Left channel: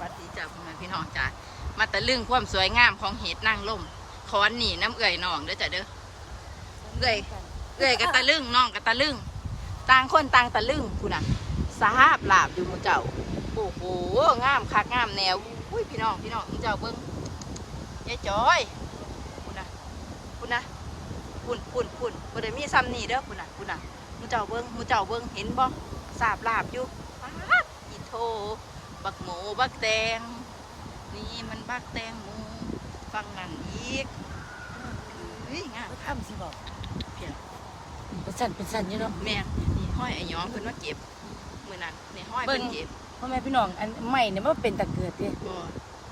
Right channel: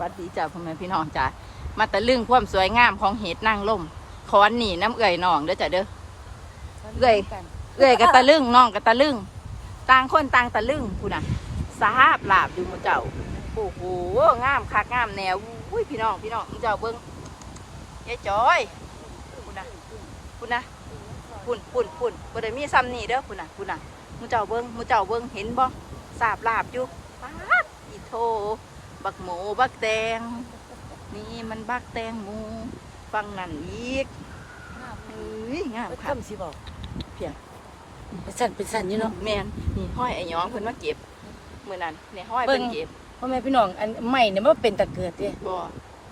วัสดีจ้าพ่อแม่พี่น้องจ้ามาตะลึงความสวยงามของเห็ดนางล่มขอนหนีน้ำเอื่อยน้องเด้อจ้ะเด้อเอ้ยเอื่อยกับตะลึงน้องกับตะลึงต่างคนต่างตะลึงคุณน่ะสาบลาบอยู่หมูเจ้าโอ้โหงามคักงามแนวอุ้ยพี่น้องพี่น้องมู่เจ้าเบิ้งยายจอยคุณน่ะคุณน่ะพุ่นพุ่นพุ่นบ่ได้มีซ้ำนี่เด้อคุณน่ะคุณน่ะหมูเจ้าเบิ้งหมูเจ้าเบิ้งเห็นบ่สาบลาบอยู่ป๊าดอีโท บักหมูบักแตง นี่มันบักแตงหมูฟังนั่นอีกเฮ้ยงามค่ะต้นสิบอกเพียงเป็นสั่นเป็นสั่นอยู่เนาะแม่นนี่ห้อยไอ้หยองเพิ่นว่าเก็บมื้อนั้นนี่ห้อยเพิ่นเก็บพ่อแม่พี่น้องอันใหม่เนี่ยมันเป็นตะเกิดเด้บ่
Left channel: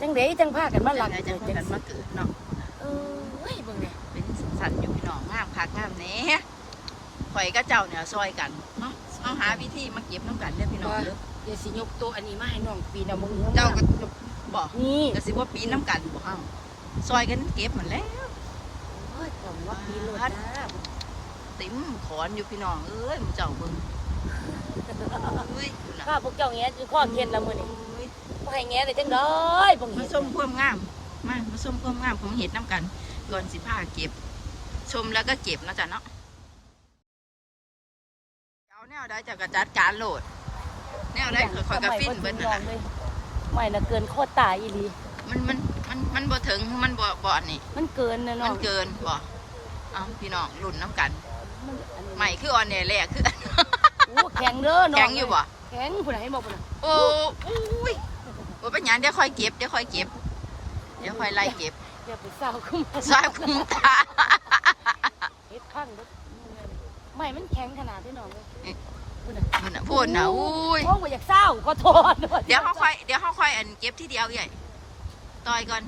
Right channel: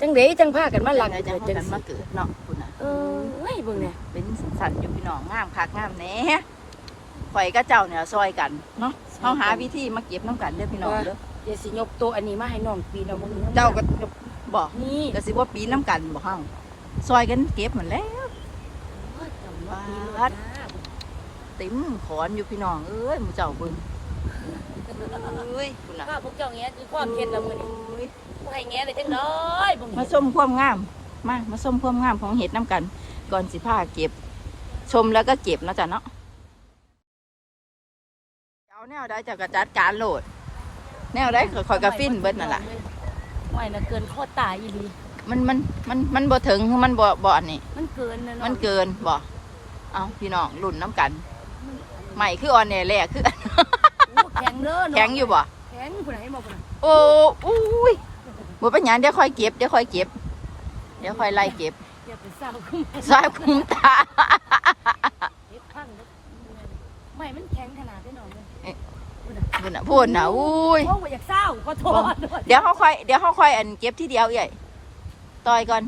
จังเด๋จังพากันมาจัลังไดจังพากันมาเกิดเนาะพุ่นน่ะเออเฮ้ยเบิ่งนี่เป็นสันๆอยู่พี่น้องงามคักงามแหน่ข่อยกับเจ้าเนี่ยซอยกันเนาะเฮาหาวิธีมาเก็บน้ำกันเด้อพี่น้องเด้อ เดี๋ยวสิยกตัวอันนี้มาให้น้องปีนเอามึงเจ้าก็บ่นี่ก็สิว่าปีนน้ำกันบ่เฮาซอยกันเก็บหมดแล้วบาดติ๋มขอนอยู่พี่น้องเอ้ยหมู่เจ้าเบิ่งเอ้ยคุณน่ะข้าพวกเจ้าแงอยู่ข้อเทียนละมื้อนี้โอ้ยให้แงได้จังได๋เบิ่งมาชมความงาม มามาชมความงามของเห็ดน้ำกันก่อนสิผ้าเก็บ ชมแล้วก็เก็บเนาะจ๊ะเนาะเอาแนวได้จากกระจัดการโหลด แนวได้คอยๆกระฟินเบิ้นั่นล่ะไม่น่ะเกินโคตรตายอีหลีมันมันมันมันบ่ถึงมันบ่บ่อันนี่มันเกินนะเนาะมันเกินบ่เอาพี่น้องรุ่นน้ำกันใหม่คือออนแน่แหละคือโอ้แข็งเด้อเนาะแข็งอยู่บ่แข็งผู้ใดให้บอกพุ่นน่ะโอ้อุ้ยบ่เป็นหยังเดี๋ยวค่อยเก็บเดี๋ยวค่อยเก็บเดี๋ยวค่อยไล่เก็บอย่าไปเศร้าขึ้นมาซอยคุ้มตาเฮ็ดพังเด้อไม่มันแข็งขนาดพี่น้องเลย พูดนะพูดนะอุ้ย โอ้บ่อยากเศร้าขอโทษเดี๋ยวเขาค่อยเดี๋ยวเขาค่อยอันเก็บที่เดียวใหญ่ต่อยก่อน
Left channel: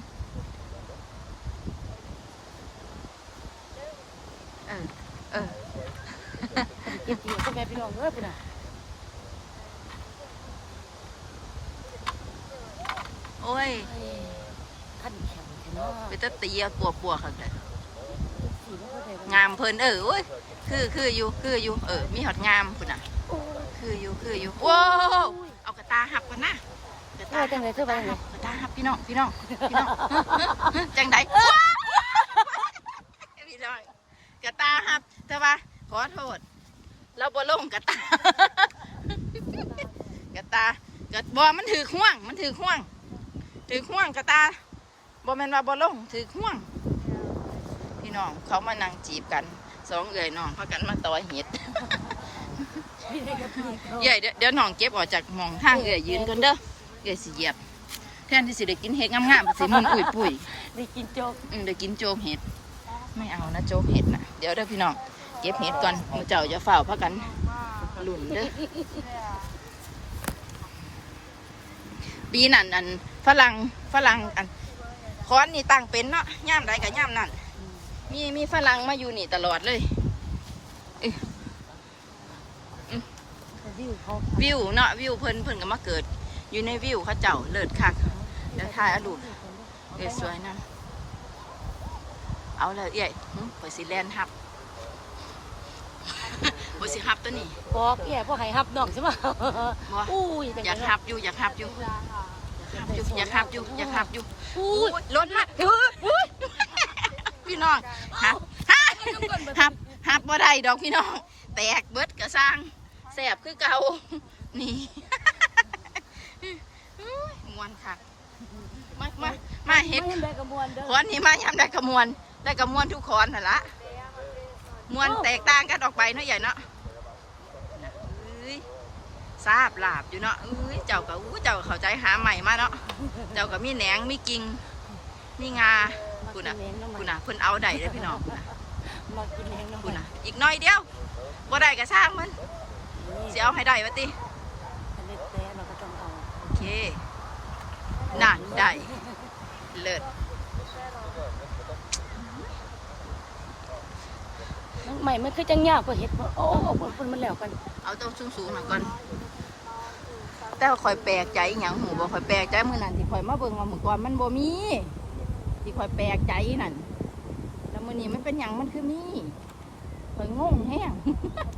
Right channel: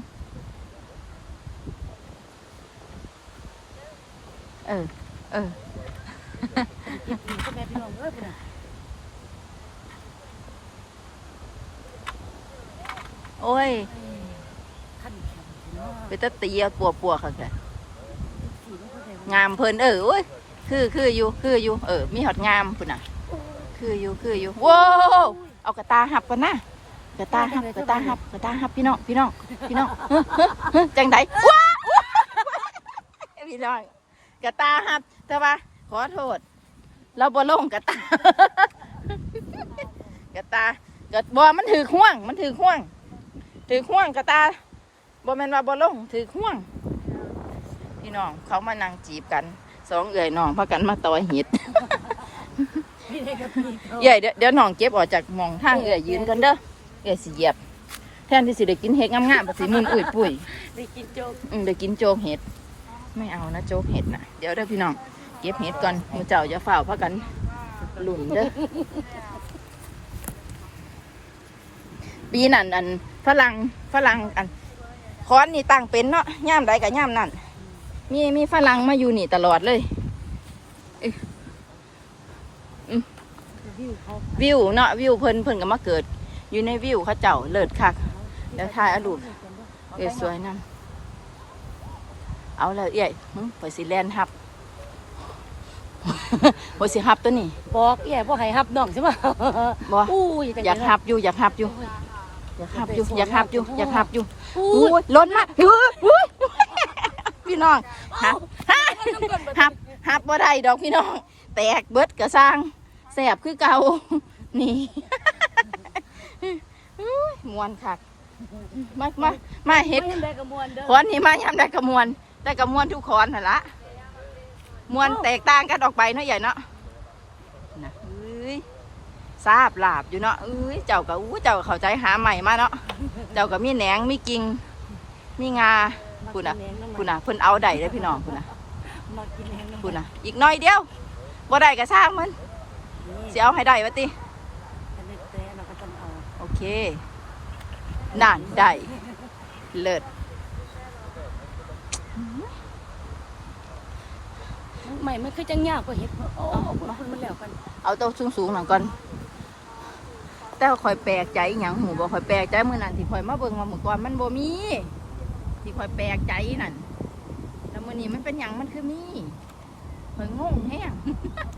เออ เออ เก็บอีกพ่อแม่พี่น้องเอ้ยพุ่นน่ะโอ้ยท่านแข็งแท้เนาะไปตะตีเอาปัวปัวๆค่ะค่ะสีมันเข้าใจบ่งามเพลินเออโอ้ยคือคืออยู่คืออยู่เออ มีหอดงามพุ่นน่ะ คืออยู่คืออยู่ว้าวเอากระตาหับก่อนนะกระตาหับกระตาหับกระตาหับพี่น้องพี่น้องพี่น้องเฮ้อเฮ้อเฮ้อจังไดว้าวพี่น้องกระตาหับแต่ว่าขอโทษ เราบ่ลงกระตากระตากระบ่มันถือห่วง มันถือห่วง ถือห่วงกระตาบ่แม่นว่าบ่ลงถือห่วง พี่น้องเขามานั่งจีบกันสองเอื่อยน้องพากันมาต่อยหิดพี่ได้กับพี่ เขาเอื่อยเดี๋ยวเดี๋ยวน้องเก็บออกจากหมองทางเอื่อยยืนกันเด้อเอื่อยสิเหยียบ แทนที่สิได้กินเห็ดงามๆภาษีมุนอุ่ยปุ๋ยได้กินโจ๊กอืมได้กินโจ๊กเห็ด ไม่เอานะโจ๊กเห็ดนะเดี๋ยวเด้อพี่น้อง เก็บเห็ดก่อนมือเจ้าจะเฝ้าพักกันหลุ่นเด้อ ปีนั่นอันฝรั่งฝรั่งอันค้อนนี่ตั้งเป็นเนาะย่ามใดกับย่ามนั่นมีมีฝรั่งมาอยู่นี่ตลอดเลยวิวเขา วิวเนาะวิวเพิ่นเพิ่นก็มาเกิด อยู่ในวิวเขาเจ้าเลิศคักเดี๋ยวถ่ายเอารูปเอ้ยสวยนํเอาเลยเอ้ยหึข่อยสิแลนฮับข่อยสิฮับตัวนี้บอกเอี่ยบ่ให้ฮับน้องใช่ป่ะบ่อู้อยากฮับอยู่อยากฮับอยู่อยากฮับอยู่อยากฮับอยู่อยากฮับอยู่อู้อู้ยล้นมากอู้ยอู้ยพี่น้องฮับฮับฮับฮับบ่ได้ดอกพี่น้อง แตกเบิดกระสร้างแสบคือเก่านี่อุ้ยมวนคักมามามาเฮ็ดไม่ได้กระมวลเด้อขอนนี่มายำได้กระมวลได้กระมวลทุกขอนน่ะละมวลแตกต่างกันออกไปเนาะใหญ่เนาะนะเอ้ยทราบลาบอยู่เนาะเอ้ยเจ้าก็อู้เจ้าก็เข้าใจหาใหม่มาเนาะเจ้าก็มีแหนงมีกิ่งมีงาคุณน่ะคุณน่ะเพิ่นเอาได้เลยพี่น้องคุณน่ะมากินแหงน้ำคุณน่ะอีกหน้อยเดียวบ่ได้ก็สร้างมัน สิเอาให้ได้วะติแต่เล็กแต่เราก็ต้องเอาโอเคนั่นได้เลิศใหม่มันคือจังยากกว่าเห็ดโอ้โอ้คุณมันแล้วกันเอาตัวสูงๆหน่อยก่อน แต่ว่าคอยแปลกใจอหย่างหูบ่คอยแปลกใจมื้อนั้นที่คอยมาเบิ่งมาเมื่อก่อนมันบ่มีที่คอยแปลกใจนั่นแล้วมื้อนี้มันเป็นหยังมันคือมีคอยงงแฮงแ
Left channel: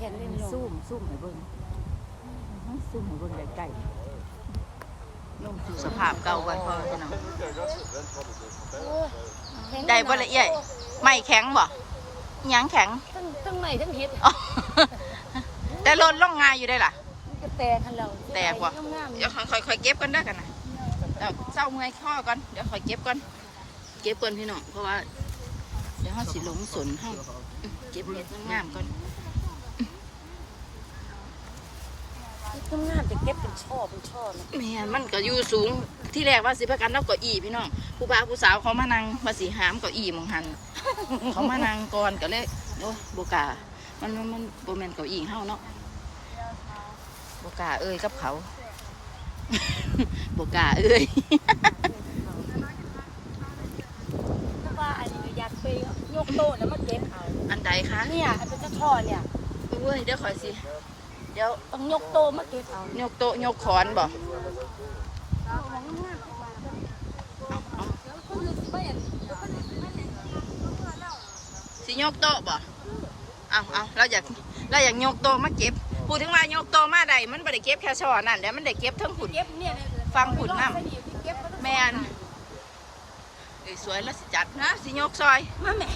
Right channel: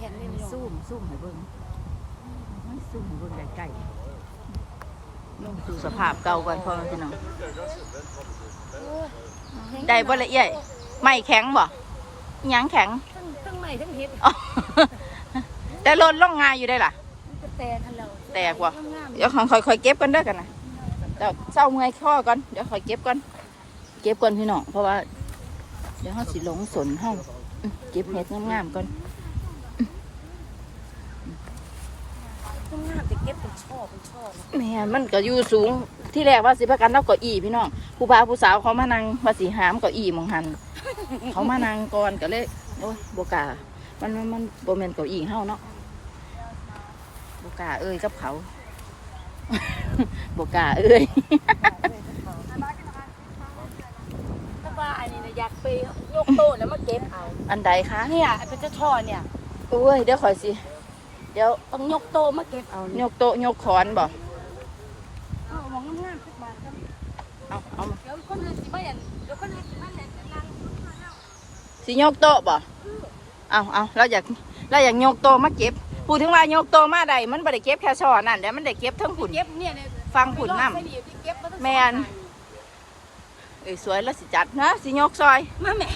ข็งแข็งเลยพี่น้องซูมซูมให้เบิ่งซึ่งเบิ่งใกล้ๆลงสู่สภาพเก่าก่อนพ่อแม่พี่น้องโอ้ยได้บ่ละเอียดไม่แข็งบ่อิหยังแข็งทั้งทั้งใหม่ทั้งเฮ็ดอ๋อแต่ลนลงงายอยู่ได้ล่ะมันจะแตกทันเราแตกว่ะงามๆเดี๋ยวค่อยค่อยๆเก็บกันเด้อกันนะเดี๋ยวเศร้าเมื่อยข้อก่อนเดี๋ยวค่อยเก็บก่อนเก็บก่อนพี่น้องเพราะว่า เดี๋ยวเขาสิหลงสนเฮาอืมเก็บเห็ดงามๆก่อน ทั้ งงามจะเก็บเป็นช่อเป็นช่อแม่มันก็อยู่สูงที่แรกว่าสิพากันเอาเก้าอี้พี่น้องผู้บ่าวผู้สาวเขามานั่งว่าสิหามเก้าอี้หมองหัน เขามานั่งก่อนก็เลยโอ้ยบกล้ามันมันมันโบแมนเก้าอี้เฮาเนาะบกล้าเอ้ยกับเขา บกล้าเอ้ยถ้าว่าอันนี้เนี่ยอยากไปยกโตะแล้วมาเก็บเอาอันใดคะเนี่ยเป็นเจ้าช่อเนี่ย โอ้ยเดี๋ยวคอยสิ เดี๋ยวต้องยกโตะมาเก็บเอายกโต๊ะยกขอนบ่เอามองงามๆขึ้นมาเถอะเอาเอาเดี๋ยวคนอื่นสิมาเห็นเดี๋ยวคนอื่นสิมาเห็นสิยกโต๊ะบ่เอาเอาเราอยากเราอยากยกโต๊ะมาเก็บพูดถึงว่ายกโต๊ะมาใดมันบ่ได้เก็บแค่ช่อนั่นเดี๋ยวมันได้เก็บทั้งผุนเก็บเนี่ยเนี่ยฟังผุนน้ไม่ดีที่เก็บแล้วำแมนเอ้ยสวยแล้วสิจัดนะสิยกซอยมาแม่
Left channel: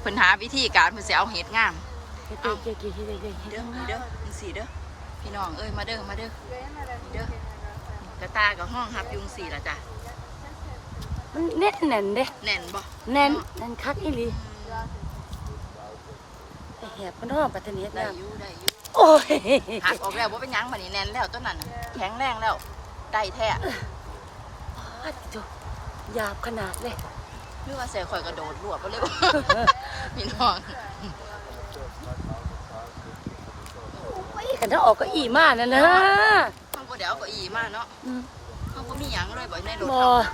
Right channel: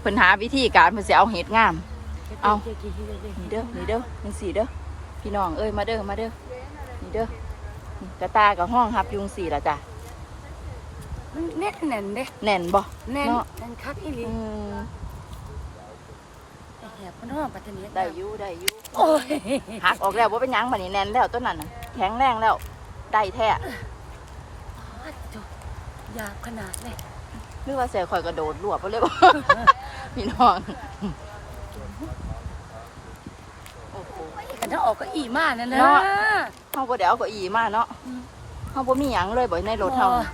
เพิ่นหาวิธีการเพิ่นสิเอาเห็ดงาม เอาเก็บกี่ที่เลยนี่เด้อนี่เด้อจังสี่เด้อพี่น้องเอ้ยมาเด้อมาเด้อนี่เด้อนี่กระตากับห้องครับยุงสี่ละจ้ะมันแน่นแน่นเด้แน่นบ่แน่นเนาะแน่นคักอีหลีอืมแต่แหบมันรอบปัตตานีได้อยู่ได้อยู่โอ้ยหักออกแล้วว่าเป็นหยังบัดนี้แน่นแล้วต้นนั้นน่ะแข็งแรงแล้วได้แท้ยาวขนาดเลย หรือว่าเสียข่อยกระโดดรวบไปเลยบ่ พี่น้องโอ้โห กั นถ้าออกก็อีมากนั่นนะเนาะ เฮาบ่ได้เอาเก้าอี้มาเนาะเฮาบ่มีหยังเลยบ่ในรถเฮาน่ะ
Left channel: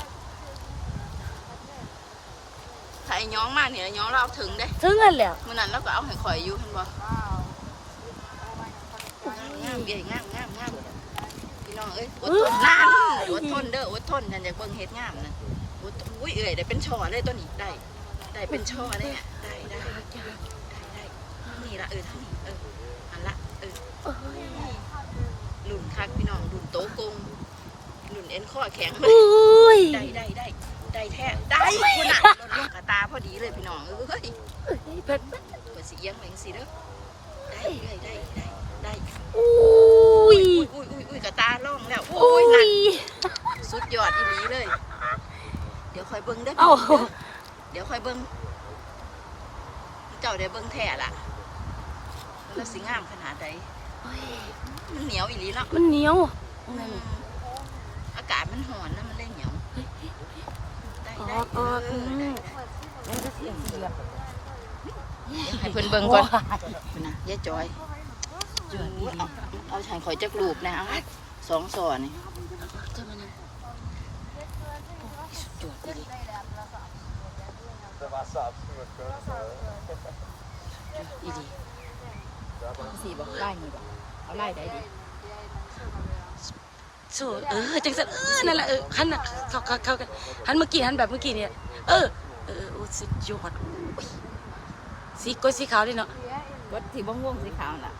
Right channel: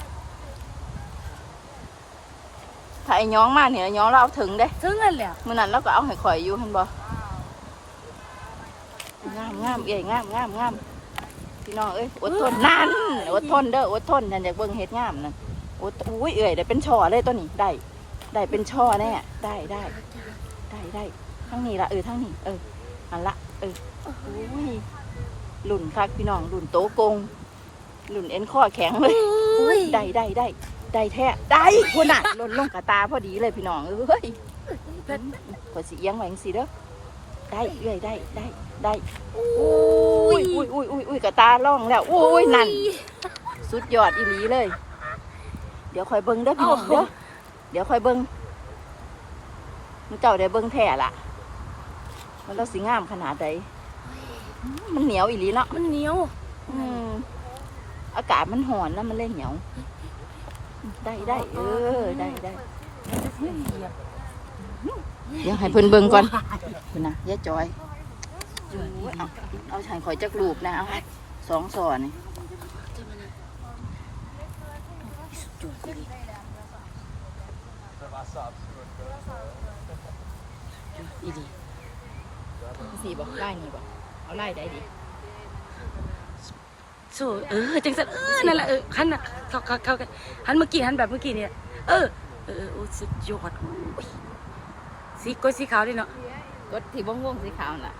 ถ้าไอ้ย้องมาเนี่ยย้องเราเอาถึงเด้ถึงนั่นแหละมื้อนั้นเราก็เอาให้ข่อยอยู่เห็นบ่งามงามเอ้ยงามงามงามพี่น้องเอ้ยอดทนนั่นอดทนเด้ออดทนฉันอยากเบิ่งเฮ็ดงามนั่นอดอุ้ยเอ้ยได้เป็นช่อเลยตัวนี้ได้ ได้เป็นช่อแน่ได้ได้ ได้ได้ทั้งนี้ละเออทั้งนี้เออ อันละเอออุ้ยหลุ่นคักพี่น้องหลุ่นโตกงหลุ่นเอ็นข้อแข็งเลยอุ้ยได้ได้ได้ได้แท้ได้คุณน่ะหล่นลงกระตาพอดีเลยพี่น้องเอ้ยเพชรกดสีเอียงไว้จังสิเด้อได้เอ้ยได้ได้ได้อุ้อุ้ยยอุ้ยอุ้ยอุ้ยอุ้ยกระตาล่องแล้วอุ้ยนั่นสุดยอดอีหลีเลย เดี๋ยวคอยเบิ้งเด้อพี่น้องเด้อเดี๋ยวคอยเบิ้งมันเจ้าได้เบิ้งแท้ล่ะ มันแล้วสิงามขนาดใดมันเหนียวอีหลีเนาะมันเหนียวอืมอากาศมันหอนแล้วมันเลยเหนียว ได้ได้เออได้ได้เดี๋ยวให้เพิ่นเบิ้งก่อนคุณนะยายจอยโอ้ยเอาเอาฉันข่อยจักรูปนะเอาสองสอนนี่จะมานั่งสุดยอดเลยอีดี สี่บอกไล่นี่บอกเอาไล่ได้ดิโซ่เออจังสันเออนั่นแหละเออหันน่ะเข้าเข้าเข้ากันหันเมื่อกี้หันแบบเมื่อกี้เนี่ยเออเออเออโอ้สุดยอดอุ้ยสีกล้วยสีขาวด้วยเนาะกดที่บ้องวงสีขาวน่ะ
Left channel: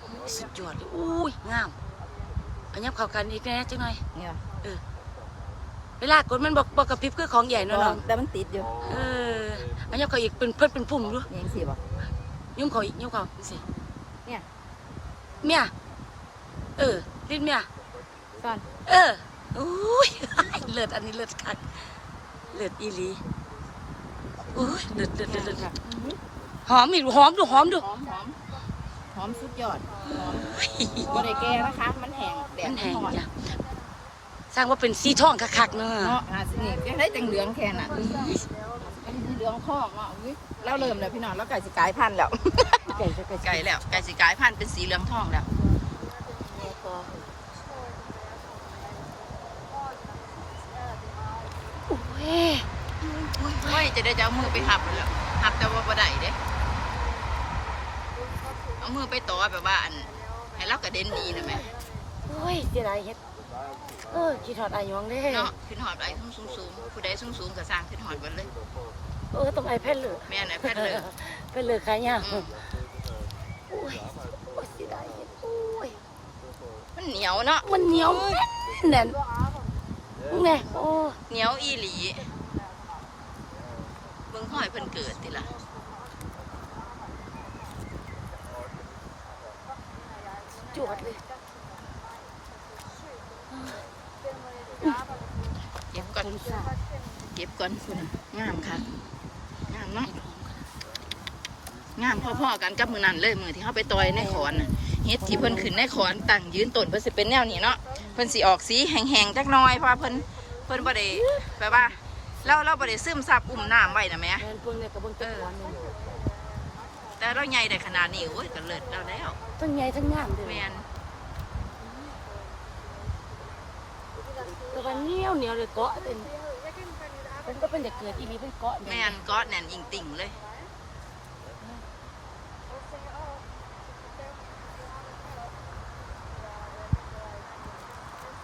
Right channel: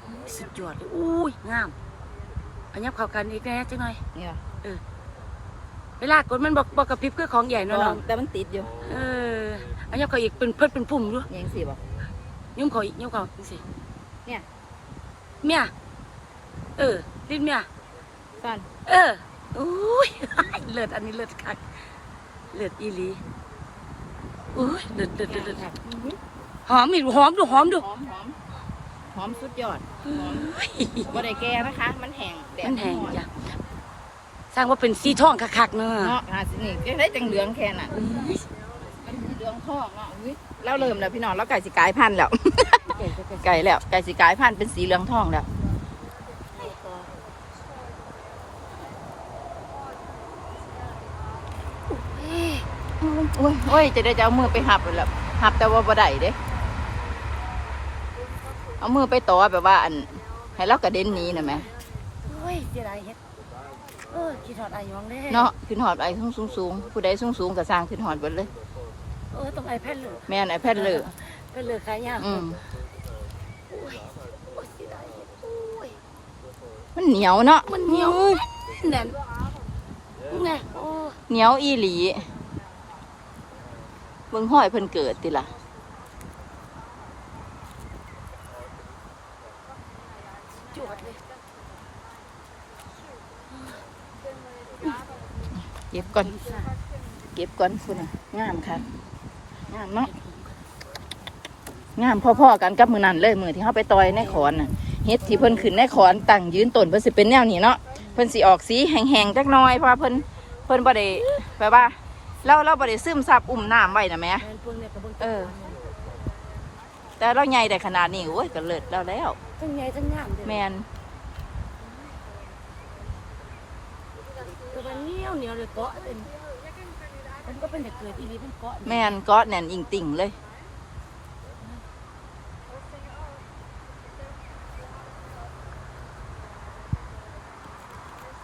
โอ้ยสุดยอดเลยอุ้ยงามอันนี้เข้ากันอีกแน่จังหน่อยเนี่ยเวลากดมันบอกบอกกับพริบคือของใหญ่เนาะเนาะแต่มันติดอยู่เอออันนี้เขาอีกเป็นเพื่อนเป็นปุ่มด้วยยังสี่บอก ยุ่มเขาอีกยุ่มเขาจังสิเนี่ยเมียเออลิ้นเมียซ่อนเอออุ้ยเลิศอันนี้เลิศคักเลิศอีหลีอุ้ยเลิศเลิศเลิศเลิศหอมอีกหอมดูหอมดูหอมหอมหอมสุดยอดหอมบ่ได้แก่นะคะ มันแห้งแดดมันแห้งร้อจ้ะสร้างว่าเป็นสีทองคักๆเนาะเนาะอาสินี่ก็ได้จังเหลืองแค่น่ะ เหลืองทองเนาะอุ๊ยเราเริ่มแล้วพี่น้องเราไก่สิกลายพันธุ์แล้ว ไก่ไก่ไก่ไก่แล้วไก่สิกลายพันธุ์เป็นสีเหลืองทองแล้วโอ้ยโอ้ยจะได้จะเอามือไปหับเลยแหล้วหับแต่ว่าบ่ได้เด้เอามือไปต่อแบบว่าอัน ให้เรากระเด็นหนี้นะแหม่โอ้ยเสียดายเฮ็ดเออกี่ถอดอายองเด้เนาะขึ้นหอดไอ้สูงสูงสูงผู้ใดสูงสูงก็สร้างขึ้นหอดเบิดเลย เออต้องไอแพดเลยแม่นไอ้แพทย์เลยแพดเลยขายยากอืมโอ้ยโอ้ยเสียดายเฮ็ดเหนียวเนาะมันเหนียวแน่นไงโอ้เหนียวอีหลีเบิ่งห้อยเพิ่นเกิดติล่ะจวดเลยเก็บก่อน เก็บก่อนคุณน่ะงามค่ะ งามเนาะงามพ่อๆกันกับมือนั่นเลยมือที่เขาไปต่อยในขอนน่ะเฮ็ดที่เพิ่นขึ้นในขอนตั้งยืนต้นเพิ่นสิเป็นแนวนี้เนาะเพิ่นสิออกสีแห้งๆจักหน่อยเพราะว่าเพิ่นเพิ่นบ่ได้แบบว่าเราเราบ่ได้ซึมซับอุ้มน้ำไว้นะแหม่แมนปุ่นเนี่ยกระเบื้องเออ แต่เราใหญ่ได้ขนาดนี้โอ้ยก็เลิศแล้วแล้วทั้งใหญ่ทั้งงามเลยแมนตัวเหนียวเหนียวเลยเกาะเป็น เป็นก็เป็นแต่เกิดอีนี้เป็นเกาะแมนก็แน่นอิงติ่งเลย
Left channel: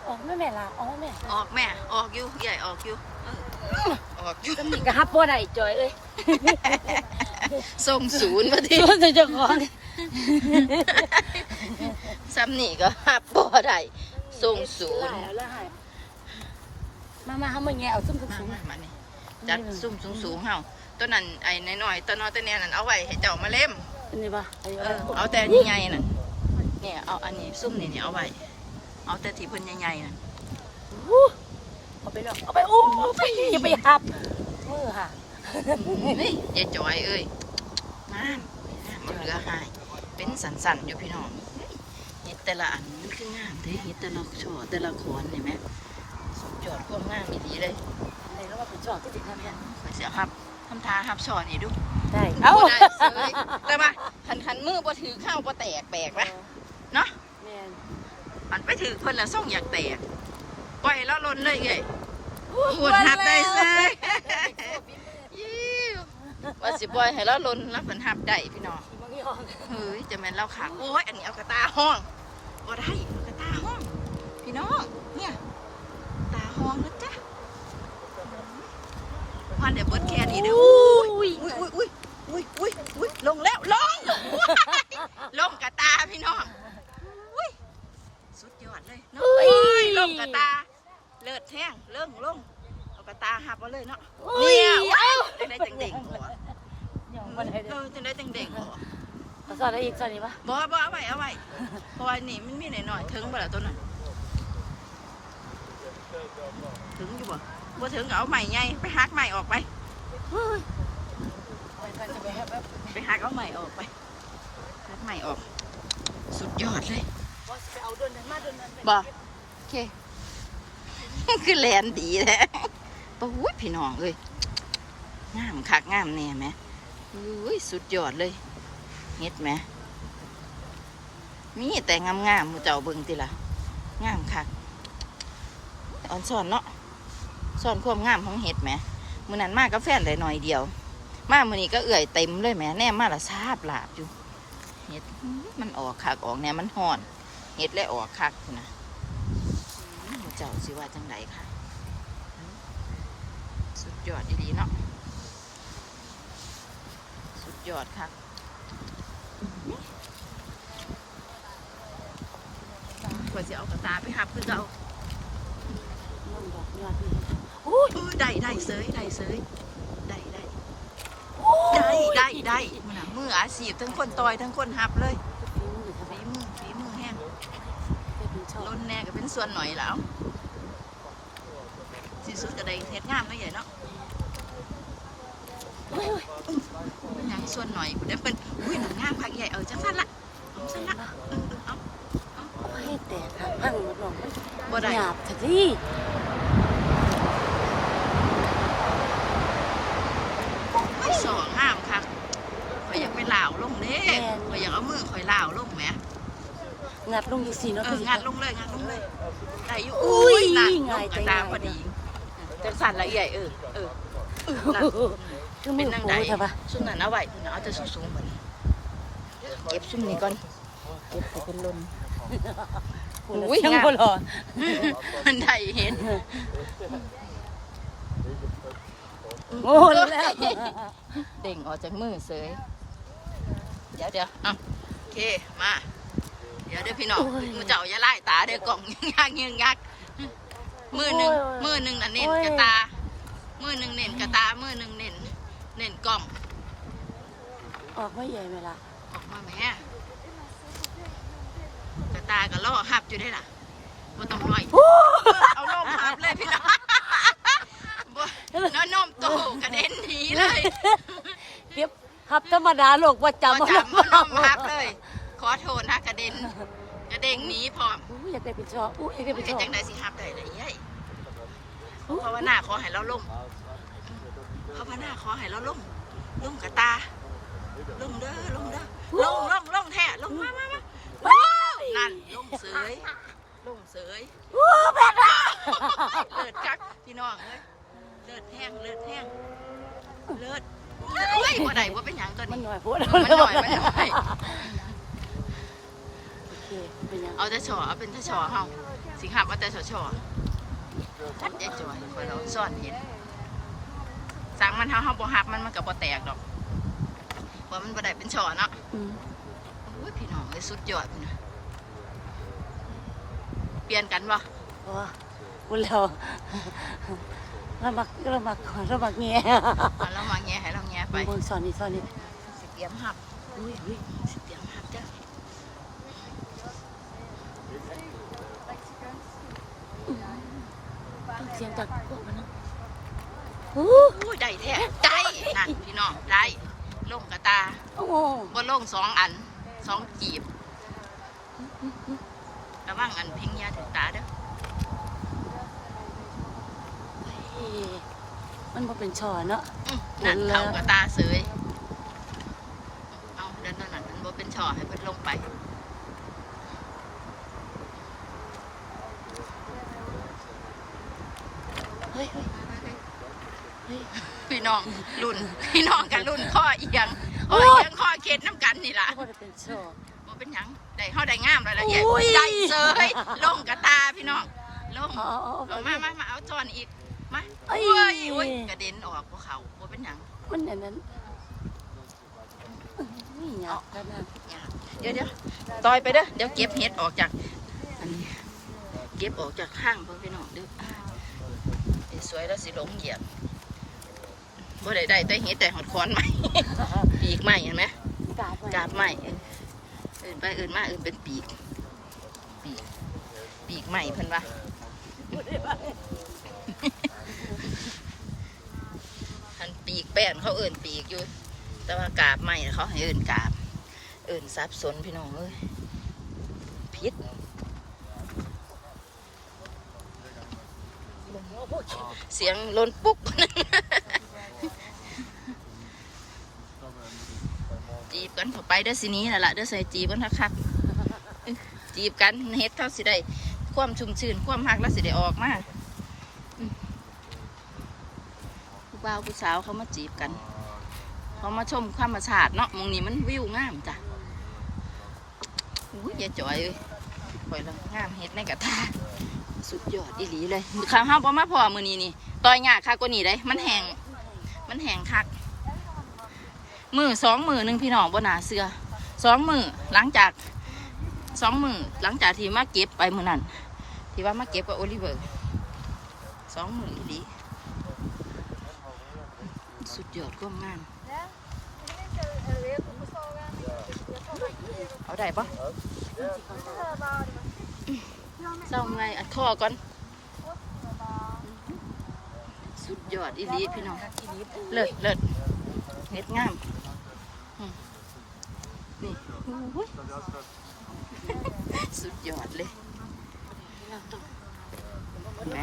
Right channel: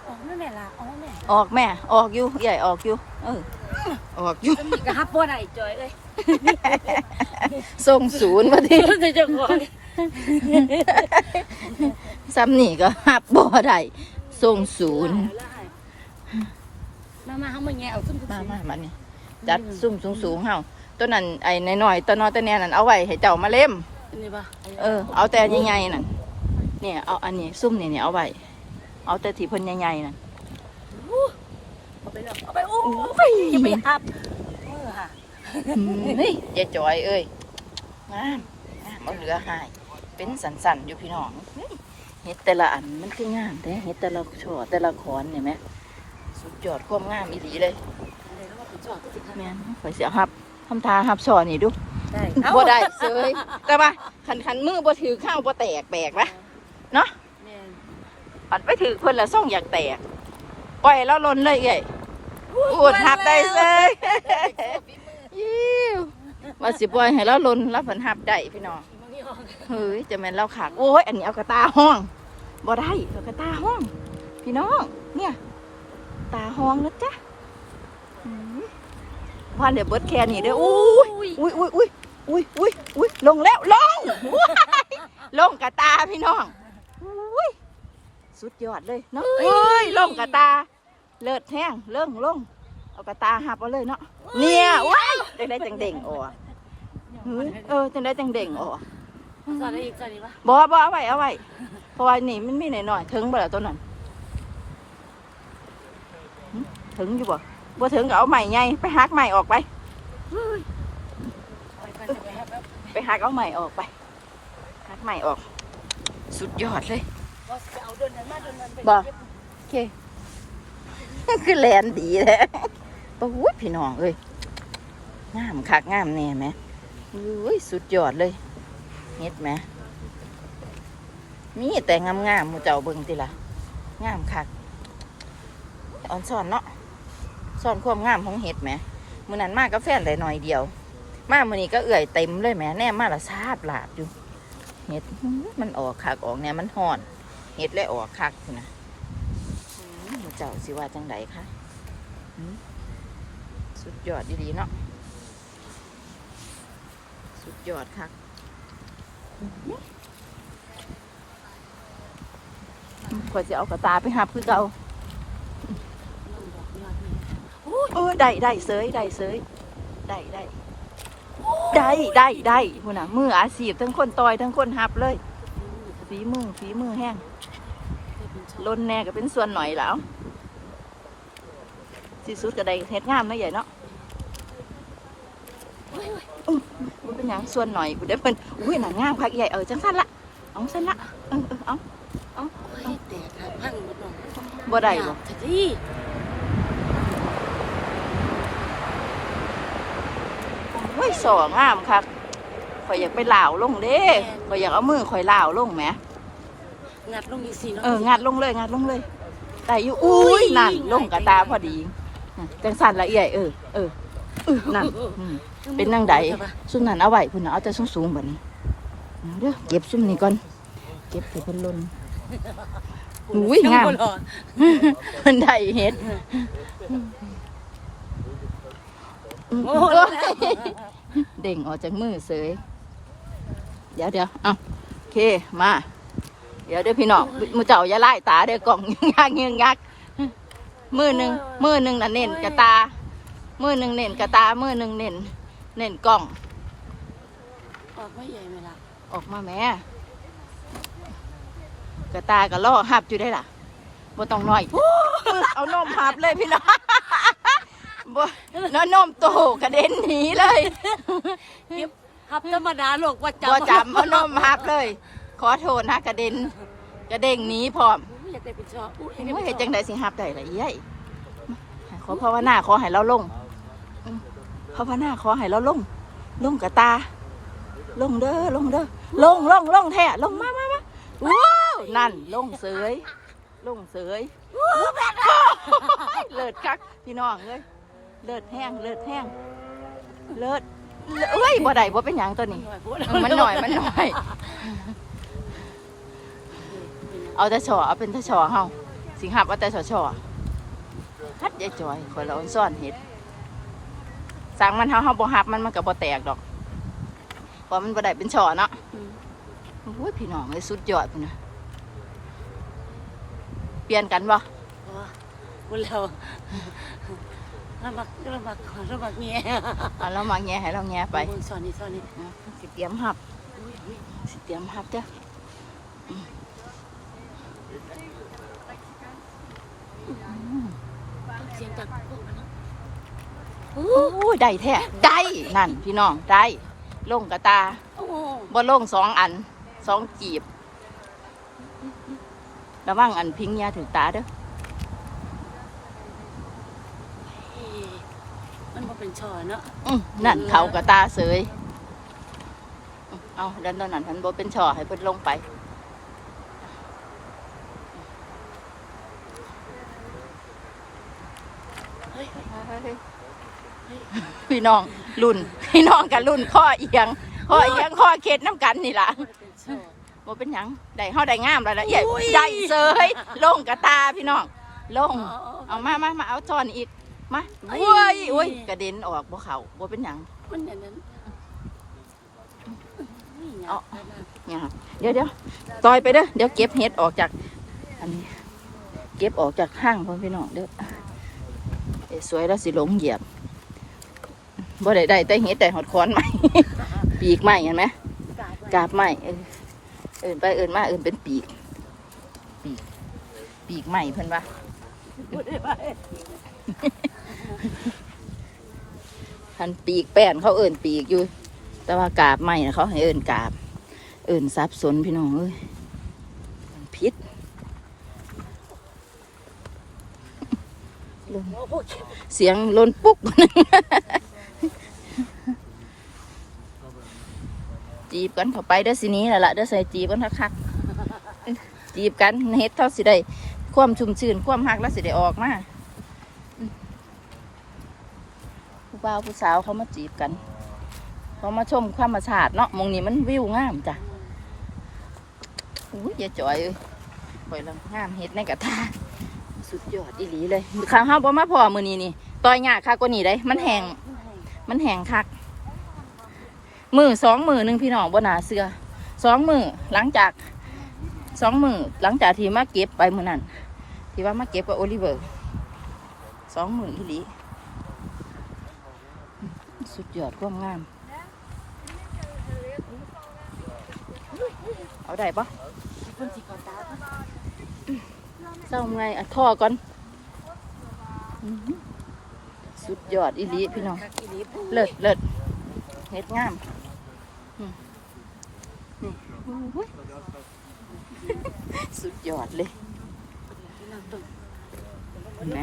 ออกแม่แม่ละออกแม่ออกแม่ ออกอยู่ใหญ่ออกอยู่เออออกอยู่ก็มีกระฮับบ่ได้จอยเลยส่งศูนย์มาทีรู้สึกจะก่อนซ้ำนี่ก็หับบ่ได้ส่งศูนย์ มามาทำมาไงเอาซุ่มมามามานี่จัดซุ่มสูงสูงๆเฮาตัวนั้นไอ้น้อยๆตัวน้อยตัวเนี้ยนั่นเอาไว้ให้เจ้ามาเล่มนี่ปะเออเอาแต่ยังไงน่ะเนี่ยเอาอันนี้ซุ่มนี่เนี่ยเอาไว้เอาแต่ที่เพิ่นใหญ่ๆน่ะเอาไปแล้วเอาไปโอ้ไปอย่าไปฮับเออค่ะเฮ้ยยายจอยเอ้ยงามงามเอาเหลือหาย เป็นสันๆอยู่พี่น้องเฮ้ยเห็ดแต่ละอันมันคืองามแท้เห็ดแต่ละช่อแต่ละขอนเนี่ยไหม สุดยอดความงามอีหลีเลยนี่แล้วก็ไปจอดที่ทำแม่นข่อยเสียหับทำทาหับช่อนี่ดูได้บ่ได้เซยแต่ว่าขันขันมือบ่ถือข้าวบ่แตกแบกปะเนาะแม่นอันไปถือเพิ่นละส่งอยากแตกปล่อยแล้วลนเลยไงพูดหับได้เซยยิ้วมาสิปล่อยให้เราลนแล้วเพิ่นหับได้พี่น้องมันไม่ออกเฮ้ยจะแม่นเราขาดโอ้ยอันนี้เอากระตาห้องบ่ได้เอากระตาห้อง พี่น้องเนี่ย ตาห้องนะจ๊ะอืมว่าเดี๋ยวเบิดแค่นี้เด้ออุ้ยอุ้ยอุ้ยอุ้ยอุ้ยอุ้ยอุ้ยลงแล้วลงลงกระตาพี่น้องอุ้ยสุดยอดเลยเนาะเอ้ยลงกระตา เลิศแห้งเลิ่งลงเอากระตาหับเอาเลยเนาะเนี่ยว้ายจังได้จังเด่งอ๋อเฮ้ยเออจังได้จังเด่งอ๋อจอดได้อีกจอดดีปะบ่บ่เอาไว้เอาไว้เพราะว่านี่มันมีหน่อยๆถึงบ่ล่ะตัวนั้น ถึงอยู่บ่บ่ถึงก็เอาใหม่ไงไปหักใหม่ออกไปเฮ้ยไปไปจะไปฮับแป๊บไปหักเอาใหม่ออกไปหักใหม่ออก สุดยอดเลยว่าไปเอาเดินเดินมาเดินเดินไปบ่โอเค คือแลนดีแท้ปะวุ้ยพี่น้องเอ้ยงามคักงามแน่ไหมอุ้ยสุดยอดเลยเฮ็ดไหมมีแต่งามๆหมูเจ้าเบิ่งติล่ะงามคักอ่อนสอนเนาะ สอนความงามของเห็ดไหมมือนั้นมากับแฟนได้หน่อยเดียว มามือนี้ก็เอื่อยเต็มเลยแหมแน่มาละซาบหลาบอยู่เห็ดมันออกคักออกเนี่ยมันห่อนเห็ดและออกคักนะมหมูเจ้าสิว่าจังไดคะสุดยอดดีๆเนาะสุดยอดคักกว่าจะเอากระตาไปหับคือเก่า เออได้ได้เสยได้เสยได้ได้ได้ได้ได้พุ่นน่ะมืออาชีพทั้งคนต่อยทั้งคนหับเลยฝีมือฝีมือแห้งลนแน่ก็เป็นส่วนหน่อยแล้วสีสุดก็ได้เฮ็ดงามเนาะใหญ่เนาะอื้อเป็นหยังส่วนหน่อยกูได้เป็นอุ้ยหนังงามคักใหญ่เออจังสั้นละเอาสั้นละเออเออเอาให้แตกครับพังหมดหร อกบ่ได้หยาบแต่ที่เฮ้ยสองงามคักข่อยอยากไปเหล่าวลงเด้ข่อยอยากเอามือข่อยเหล่าวลงแหมงัดลูกมีสีเนาะเอองัดลงเลยงัดลงเลยแต่อยู่อุ้ยนั่นลงกระตาพอดี จังสั้นละเอียดเออเออนั่นอืมเป็นนางใดซุ่มนั้นเอาไว้คุณน่ะเอาแต่สูงสูงๆแบบนี้เอาเด้อเก็บซุ่มนี้ก่อนเก็บให้เป็นลมอุ้ยงามหรอมันได้เห็ดโอ้ย เด้งออกจากมือเสยเดี๋ยวเดี๋ยวเอาโอเค มา เดี๋ยวเดี๋ยวพี่น้องมือเจ้าอย่าไล่ตาเดี๋ยวกล่องยึงยักยึงยักมือหนึ่งมือหนึ่งน่ะเน้นกระตา มือหนึ่งเน้นกระตา มือหนึ่งเน้นเน้นกล่อง ออกไม่ใหญ่เวลาออกมาแม่กระตาก็ล่อหับอยู่ได้ล่ะบ่ต้องน้อย เอานมหับเลยพี่น้อง บ่แล้วนมโตกระเด็นหนีเลยเก็บทับธรรมดาโลกว่าจำบ่จำเอานมหับเลย ขอโทษนะกระเด็น กระเด้งหนีพร้อมอุ๊ยอยากได้เป็นชอบอุ้ยอยากได้ไม่เป็เห็นนชจัอบงใดสิหับได้เลยยัยขอภาวนาขอให้เราลงอืมภาวนาขอให้เราลง ลงกระตา ลงเด้อลงเด้อลงลงลงแท้ลงมามามาว้าวนั่นลงเสยลงเสยแม่เลิศคักพี่น้องเอ้ย เลิศแห้งเลิศแห้งเลิศเอ้ยบ่ได้บ่เป็นหยังตัวนี้หน่อยพูดเออมันหน่อยมันหน่อย เอาแต่ชอเอาเป็นแต่ชอเฮาสิงหับเอาแต่ชอชอฮัดยายจอยคอยเราซ่อนเห็ดสั่งมันเฮาเฮาบ่หับมันมันก็บ่แตกดอกเพราะมันบ่ได้เป็นชอเนาะอืมโอ้ยพี่น้องเลยสุดยอดพุ่นนะเปลี่ยนกันบ่ว่าอุ้ยเรา เรามักเรามักเรามักแง่เอาเรามาแง่ให้เราแง่ไปสอนนี่สอนนี่นะสิเตรียมหับอุ้ยอุ้ยสิเตรียมหับจ้ะเสียงจากโอ้ยได้แท้ได้นั่นพี่น้องได้ลงกระตาโอ้บ่ลงสองอันสองกีบระวังอันพิงยาถึงตาเด้อ ย มันบ่เป็นชอเนาะอื้อนั่นเขากระตาเสย เอาดันตอนนั้นทันบ่เป็นช่อให้เพิ่นลงไปเฮ้ยเฮ้ยพี่น้องรุ่น พี่น้องกันรุ่นข้อเอียงข้อเอียงข้อเข็ดน้ำกันนี่ล่ะมันเป็นชอบ่เป็นหยังได้เฮาได้งามแล้วละเอียดได้เสยลงกระตาพี่น้องลง เอามามามาเอาจอนอีก มาโอ้ยโอ้ยกระเด็นออกบ่เขาบ่เป็นหยังมันอย่างนั้นเอาเนี่ยครับเดี๋ยวเดี๋ยวต่อยไปเด้อเดี๋ยวเก็บเห็ดออกจาก อันนี้ เก็บออกจากห้างพ่อพี่น้องเด้อเดี๋ยวสวยแล้วสิหลงเหยียบบ่ได้ได้แต่เห็ดแต่หอดคอนใหม่ปีกใหม่เห็นไหมกาบใหม่เออเอื่นไปเอื่นมาเอื่นเป็นปีก ปีก ปีกใหม่เพิ่นว่า คันปีกแป้นเขาเอิ่นปีกอยู่ แต่ว่ากาบใหม่นะเขาให้เอิ่นกาบ เอิ่นซับสนพี่น้องเอ้ยพิษเสียงลนปุ๊กจีบกันเข้าไปเด้อสินี้แหละละเด้อใส่จีบกันคักๆจีบกันเฮ็ดเขาสิได้ ความชุ่มชื่น ความหักแล้วสิได้ออกมาอืมผู้ บ่าวผู้สาวเขามาจีบกัน เขามาชมธรรมชาติเนาะมองนี้มันวิวงามจ้ะอุ้ยอย่าจ่อยเลยปล่อยลังงามเฮ็ดในกระทาสุดยอดอีหลีเลยข้าวห้าบ่มาพอมือนี้นี่ต่อยยาคักกว่านี้ได้มันแหงมันแหงคักมือสองมือหนึ่งพี่น้องบนหนาเสือสองมือหลังจากสองมือหลังจากที่มาเก็บไปมือนั้นที่ว่ามาเก็บกับโอลิเวอร์สองมืออีหลี สุดยอดความงาม เอาได้ปะเศร้าไงอะท่อก่อน สุดยอดอีลีพี่น้อง เลิศเลิศเฮ็ดงาม นี่สุดยอดเลยเห็นไหม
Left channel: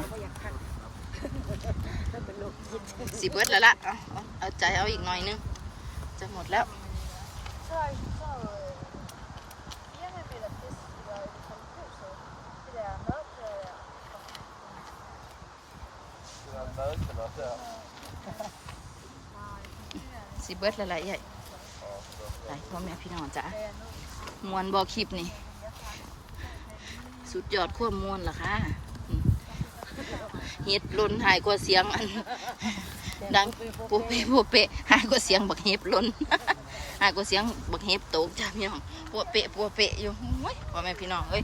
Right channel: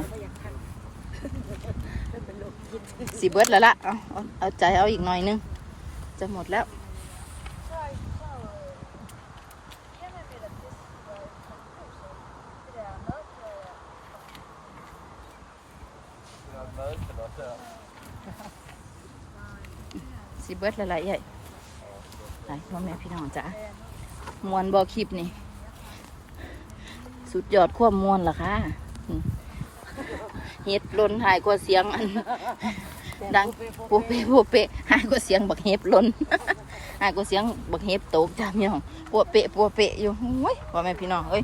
สีเบิดแล้วละเอาเอาเอาใจเอาอีกหน่อยนึง จะหมดแล้วสิเบิดละลายใหญ่หลายพ่อแม่พี่น้องจ้ะมวนบอคลิปนี่ สุดยอดความวนล่ะค่ะ เฮ็ดล้นหายกว่าเสียงอัน ดังโปเปะโปเปะหายกว่าเสียงบักเห็บล้นหายกว่าเสียงบักเห็บตกจ้าพี่น้องปัวเปะปัวเปะอยู่โอ้ยพ่อแม่พี่น้องเอ้ย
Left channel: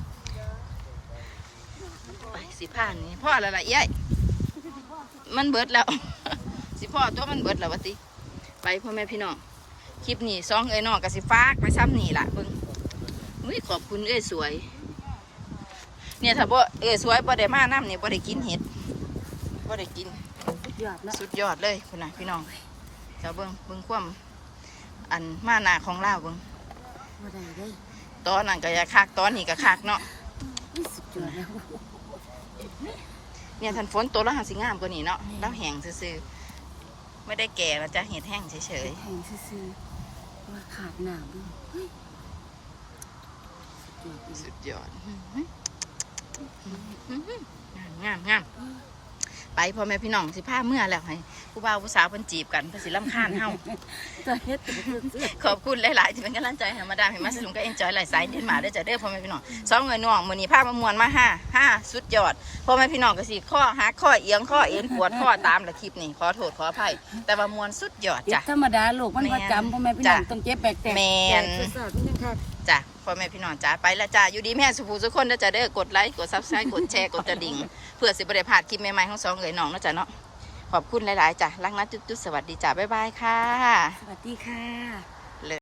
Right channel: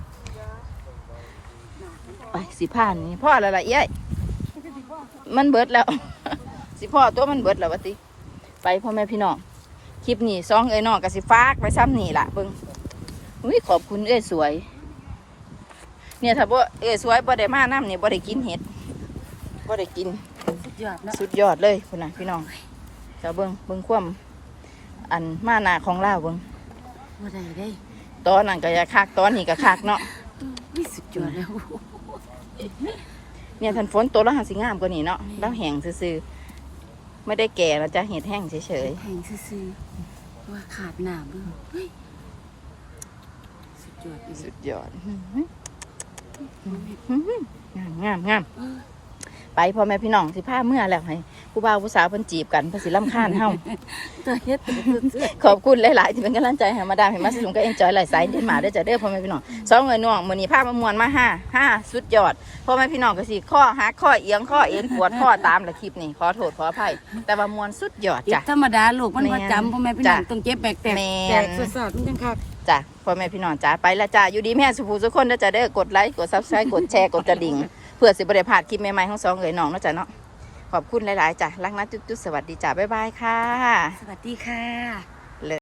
ไปสิผ่านนี่พ่ออะไรล่ะเอ้ยมันเบิดแล้ว สิพ่อตัวมันเบิดแล้ววะติไปพ่อแม่พี่น้องคลิปนี้ซองเอ้ยน้องก็สิฝากไปซ้ำนี่ล่ะเบิ่งอุ้ยขอบคุณเอ้ยสวย เนี่ยถ้าบ่เอ้ยสวยบ่ได้มาน้ำนี่บ่ได้กินเห็ด บ่ได้กินสุดยอดเนาะสุดยอดเลยคุณน่ะพี่น้องเจ้าเบิ้งเบิ้งความอันมาหนาของเราเบิ้งบ่ได้เด้ตอนนั้นก็อยาคักตอนนี้ก็คักเนาะนี่สุดยอดแล้วเนี่ยทันฝนตัวแล้วหันสิงามกว่านี้เนาะแล้วแห้งซื่อๆไม่ได้แก่แล้วจะเห็ดแห้งเฉยแพงซื่อๆว่าขาดหนามด้วยเฮ้ยสุดยอดอีๆกสุดยอดงามงามงาม ไปพ่อแม่พี่น้องสิพาเมื่อแล้วให้ผู้บ่าวผู้สาวเพิ่นจีบกันเพิ่นสิรำคาญเฮาตัวเฮ็ดสุดขอบคุณหลายๆที่เป็นกำลังใจให้มาดามเห็นมาสนุกก็เอ็นจอยหลายสายเดินมาได้อจ้ะเด้อพ่อแม่พี่น้องสองเงินน่วงมือนี้ภาพมามวนมาห้าห้าสุดยอดพ่อแม่พี่น้องก็สิข้อหักข้อเอียงข้อเอ็นปวดข้อตามละคลิปนี่ขอโทษขออภัยแต่ว่ามวนสุดยอดๆเจ็จ้ะบธรรมดาลูกมันบ่จำพ่อแม่พี่น้องจ้ะต้องเจ็บแบกแตกแม่นแตกประสาทมันยังขาดจ้ะพ่อแม่พี่น้องจ้าไปและจ้าอยู่ดีแม่สุภูสุกคนนะจ้ะเด้อกดไลค์กดซับสไครต์กดแชร์กดกระดิ่ง เพื่อสิบริพลาดคลิปใหม่ๆของสองเอ๋ยน้องเนาะจ้ะเนาะขอบคุณหลายๆจ้ะรักนะจุ๊ดๆสวัสดีจ้ะบ๊ายบายค่ะ สวัสดีค่ะ